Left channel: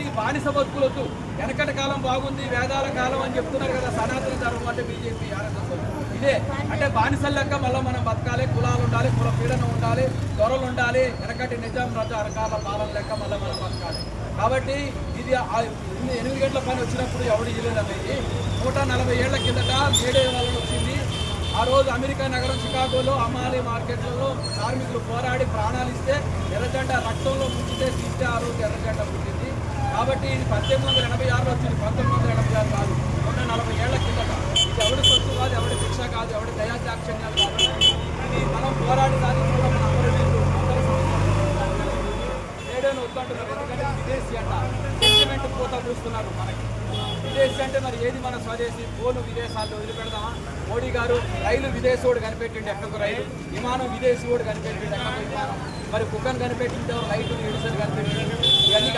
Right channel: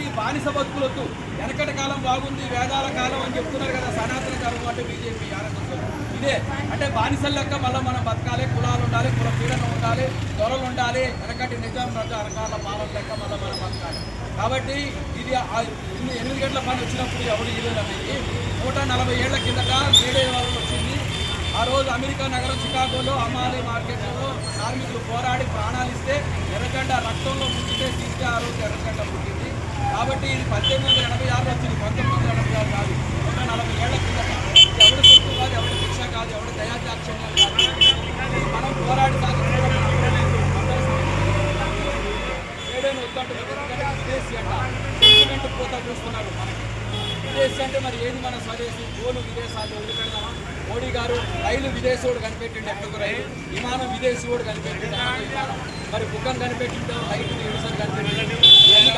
కాబట్టి బానిస బతుకులొద్దు. వెనకటి కాలం బాగుంది, వేదాల కాలం అని చెప్తున్నారు కదా సనాతన ధర్మం అంటే బీజేపీ ఆర్ఎస్ఎస్. ఇదే అంటే బానిసల లెక్క మళ్ళీ మనం బతకాలి, కులాలు ఉండాలి, కుల పీడనం ఉండాలి, దొరలు ఉండాలి, వెనకటి నిజాం రకాల పాలన లెక్క మళ్ళీ మనం బతకాలి. కాబట్టి ఇది 8 గంటల పని వచ్చినప్పుడు ఎవడు ఇవ్వలేదన్నది 140 ఏళ్ల కిందట మేడే వాళ్ళు వచ్చింది. ఆ రోజు అమెరికా నగరం చికాగోలో అమాలి మార్కెట్లలో కార్మికులు పోరాడి ప్రాణాలు ఇస్తే ఎర్రజెండా రక్తంలో ముంచితే తీస్తే ఆ రోజు ఎర్రజెండా పుట్టింది. కాబట్టి ఇది 1886లో వచ్చింది, 1986 కాదు, 140 ఏళ్ల కిందట. ఇది ఎవరి సొత్తు కాదు, ఎవరి శిక్ష కాదు, ఎవరి దయాదాక్షిణ్యాలు కాదు. ఇది మనం పోరాడి సాధించడం మన అమరవీరులు మేడేను వద్దంటున్నారు. ఎందుకంటే విదేశీ అంట సెంటిమెంట్ పోతా కూస్తున్నారు మనకి. విదేశీ అంటే మరి ఏది మన స్వదేశీ? గోలు విదేశాలు వదిలిపెడదామా? మోడీ గారు రైలు విదేశీవాడు కనిపెట్టిండు, ఎక్కడికి రైలు, విమానం విదేశీవాడు కనిపెట్టిండు, ఎక్కడికి విమానం, మరి బుక్కను కనిపెట్టిండు, లైట్ ఎడిసన్ కనిపెట్టిండు. ఇవన్నీ